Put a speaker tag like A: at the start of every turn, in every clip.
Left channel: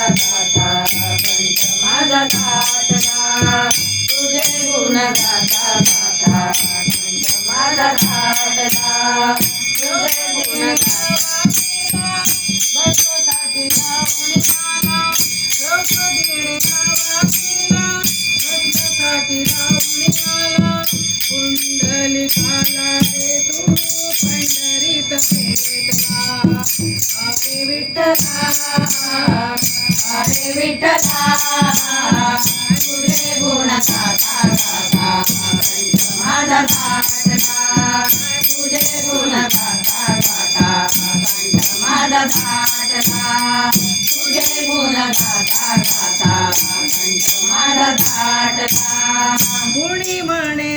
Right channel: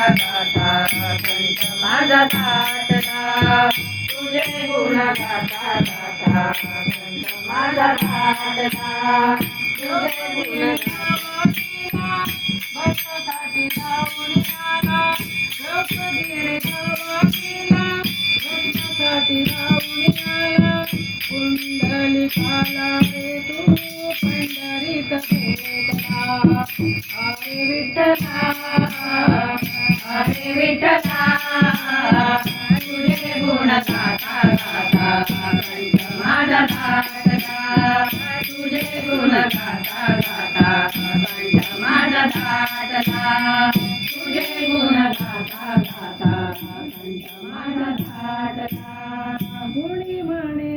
A: गाता कंठ माझा ताटला तुझे गुण गाता गाता माझा ताटला तुझे गुण गाता
B: भक्तासाठी लावून आला द्रौपदीने धावा केला भक्तासाठी लावून रे तू पंढरीत भेटला
A: विठ्ठला हरे विठ्ठला तुझे गुण गाता गाता कंठ माझा ताटला तुझे गुण गाता गाता कंठ माझा ताटला तुझे गुण गाता गाता कंठ माझा
B: म्हणे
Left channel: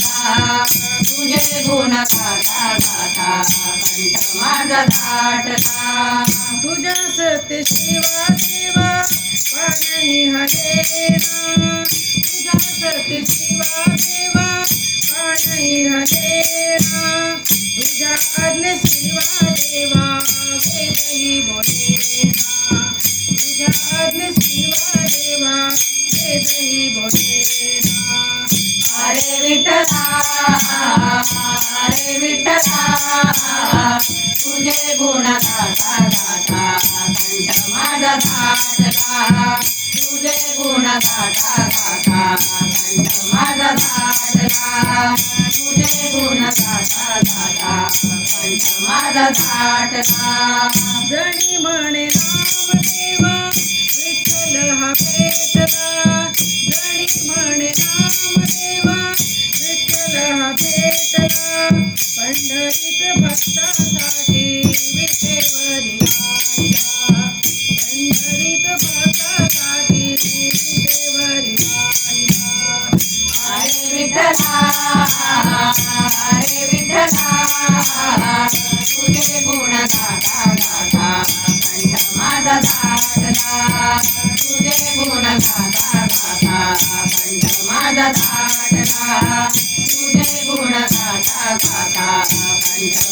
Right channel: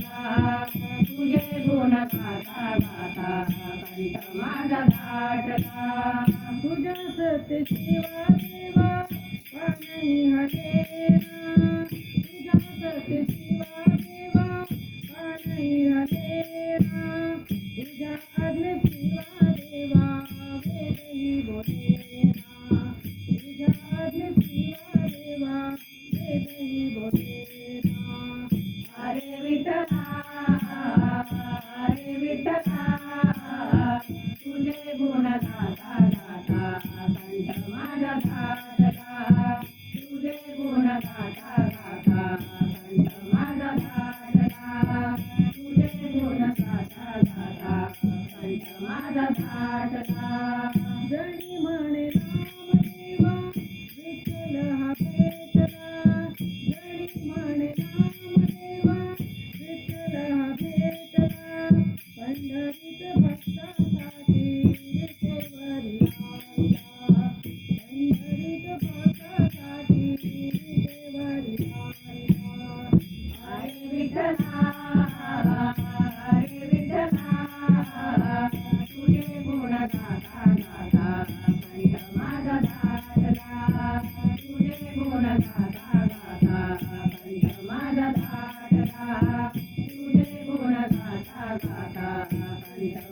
A: गाता गाता कंठ माझा
B: तुझ्या सत्य शिवा देवा पाणी हरेना तुझ्या सत्य शिवा देवा पाणी हरेना तुझ्या शिवा देवा वेदही बोलेना तुझ्या आज्ञे शिवा देवा वेदही बोलेना
A: हरे विठ्ठला म्हणजे तुझे गुण गाता गाता कंठ माझा ताटला तुझे गुण गाता गाता कंठ माझा ताटला तुझे गुण गाता गाता कंठ माझा ताटला
B: जणी म्हणे रामदेवा विठ्ठल हा भेटला जणी म्हणे रामदेवा विठ्ठल हा भेटला पंढरीत भक्तासाठी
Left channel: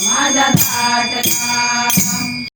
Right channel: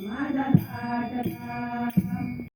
A: माझा ताटला